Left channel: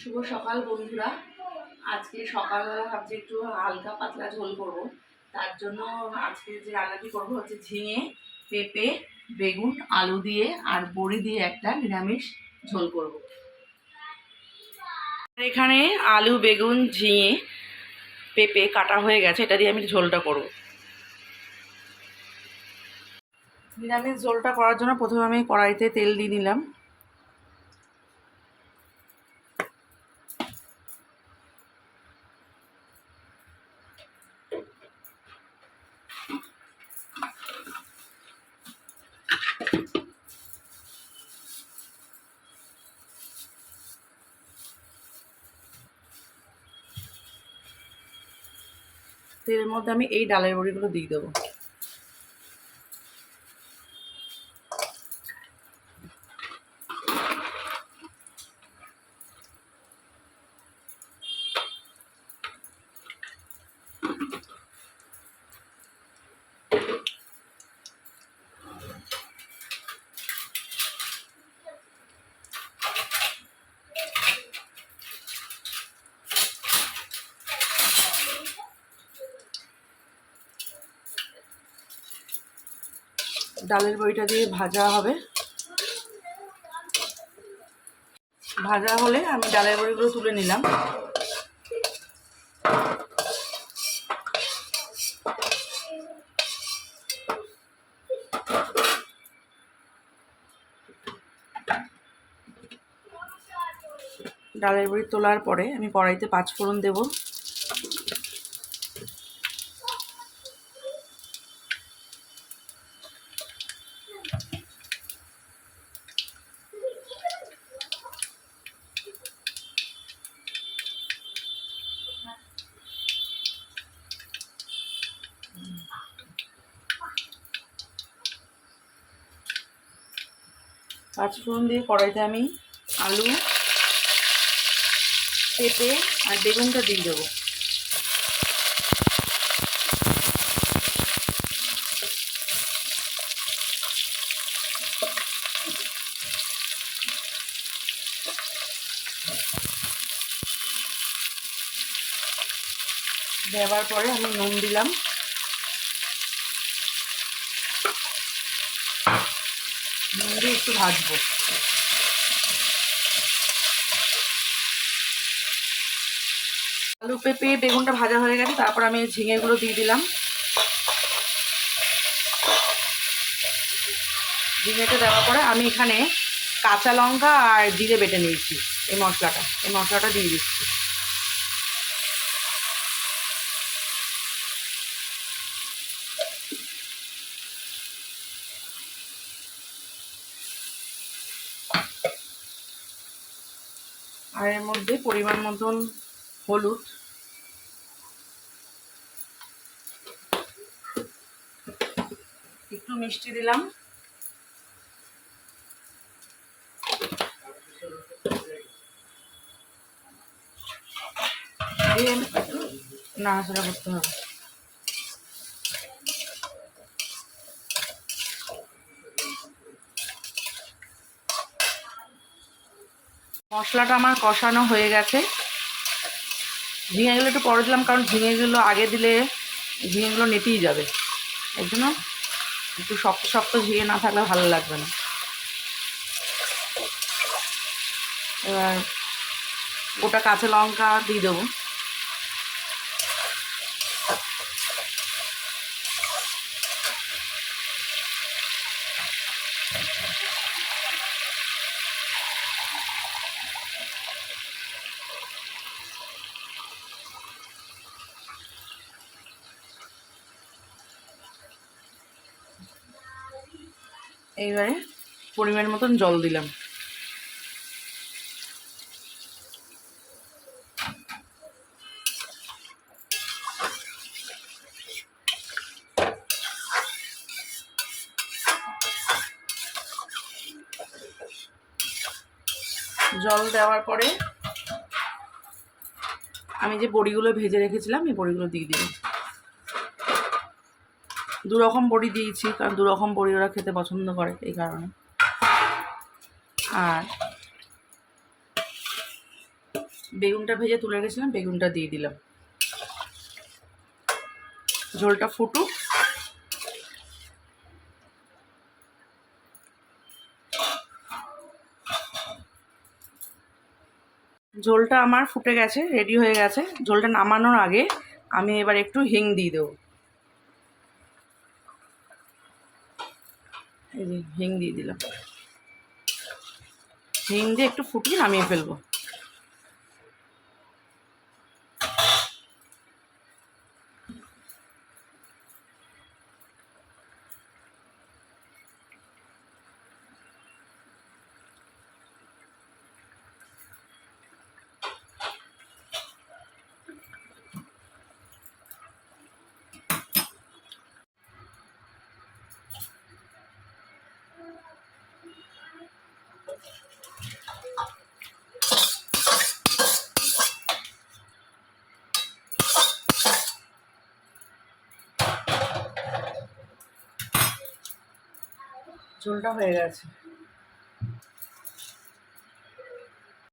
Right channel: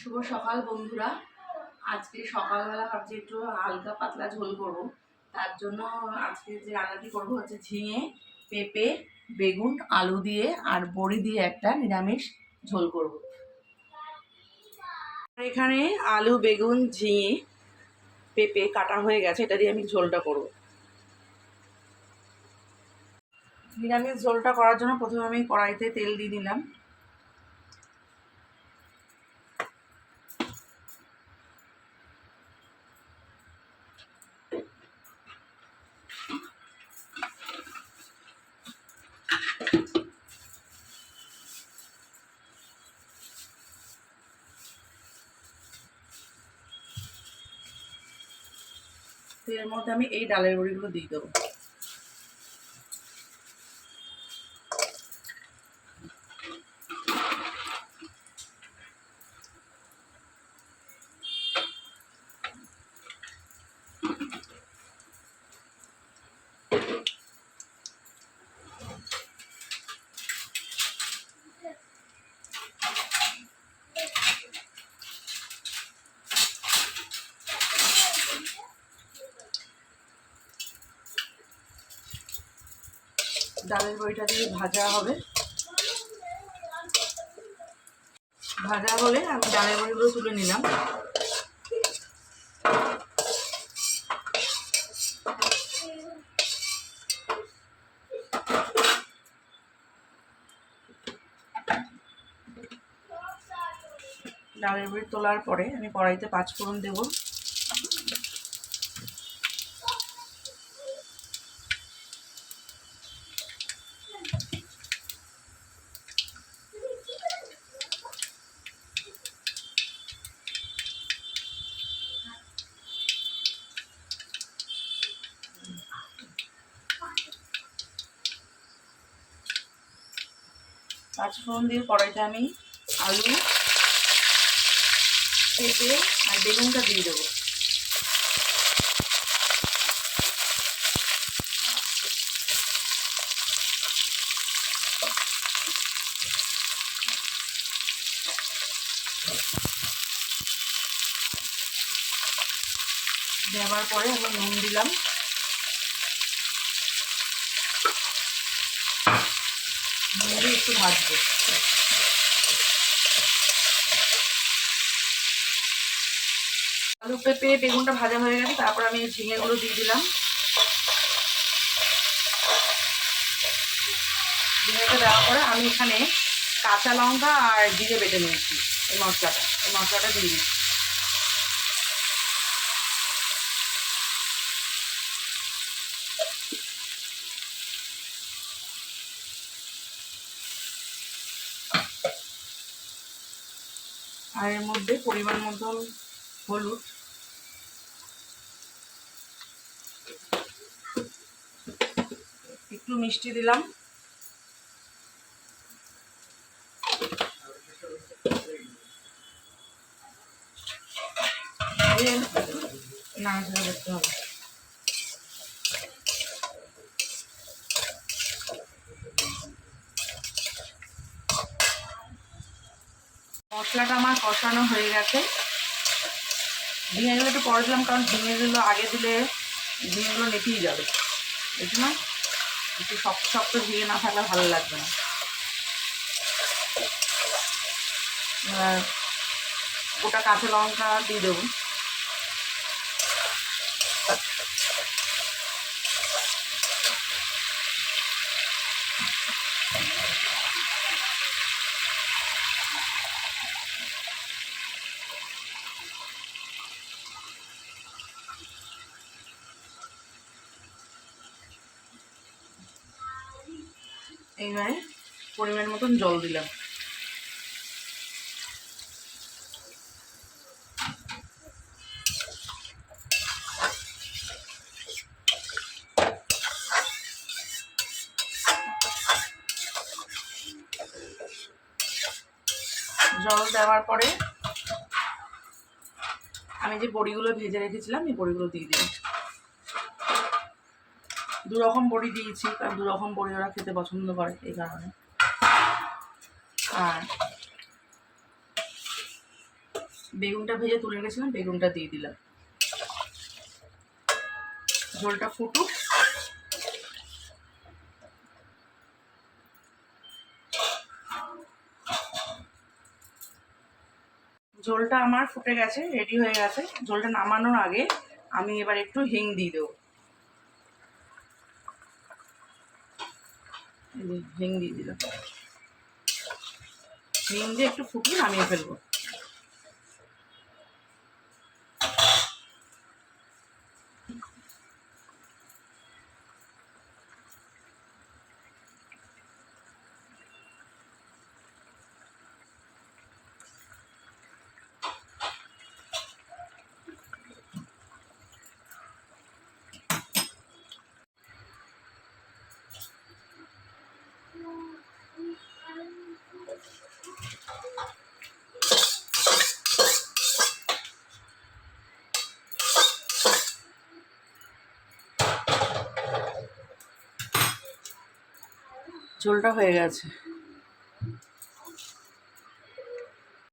শুভ সকাল বন্ধুরা। আজকে সকালবেলা ভাবছি একটু হালকা পাতলা ঝোল করব। তার জন্য আজকে যে রান্নাটি করব হচ্ছে ঝিঙে, পেঁপে, বেগুন, আলু দিয়ে আর বড়ি দিয়ে একটা নিরামিষ ঝোল করব। এখানে আলু, বেগুন, ঝিঙে, পেঁপে কাটা হয়ে গেছে, এটা দিয়ে আমি ঝোলটা করব। নিরামিষ ঝোলটা করার জন্য প্রথমে আমি কড়াইতে তেল দিয়ে নিলাম। তেলের মধ্যে আমি এই ডালের বড়িগুলো দিয়ে দেবো। ডালের বড়িটা দিয়ে ভাজা হবে। ভাজা হলে আমি ডালের বড়িগুলো তুলে নিলাম। ডালের বড়ি তোলার পরে আমি কড়াইতে 5 ফোড়ন দেব। পাঁচফোড়ন দিয়ে কড়াইতে আমি আলু, পেঁপে আর বেগুনটা দিয়ে দেবো। দেওয়ার পরে আমি নুন দিলাম। নুন দিয়ে একটু ভাজবো। আলু, পেঁপে, বেগুনটা ভাজা হয়ে গেছে, তারপর আমি ঝিঙেগুলো দিয়ে দিলাম। ঝিঙেটা দেওয়ার পরে আমি এখানে কাঁচা লঙ্কা আর জিরে বেটে নিয়েছি। এই মশলাটা দিয়ে দিচ্ছি। আর এর মধ্যে পরিমাণ মতন হলুদ, একটু মিষ্টি দিলাম, নাড়াচাড়া করতে হবে। মশলাটা আমার কষানো হয়ে গেছে। ঝিঙেগুলো একটু পরে দিলাম, কারণ ঝিঙেগুলো আগে দিলে ঝিঙেগুলো নেতিয়ে যাবে। এই জন্য একটু শক্ত শক্ত ঝিঙে না থাকলে ভালো লাগবে না। এবার গোটা কাঁচা লঙ্কা দিয়ে দেবো। এইবারে পরিমাণ মতন জল দিলাম। জল দেওয়ার পরে আমি যে বড়িগুলো ভেজে রেখেছিলাম এই বড়িগুলো দিয়ে দিলাম। 2 রকম বড়ি দিয়েছি, কারণ 2 রকম বড়ি ওরা খেতে পছন্দ করে, এই কারণে। আর বেগুনটা ভেজে তুলে রেখেছিলাম, বেগুনটা দিয়ে দিলাম। ঝোলটা ফুটুক। ঝোলটা আমার ফুটে গেছে, রেডি হয়ে গেছে। ঝোলটা নামানোর আগে আমি এবার একটু হিং দিয়ে দেবো। এই যে হিং দিয়ে দিলাম। হিং দিয়ে একটু ফুটিয়ে নামিয়ে ফেলবো। ঝোলটা হয়ে গেছে।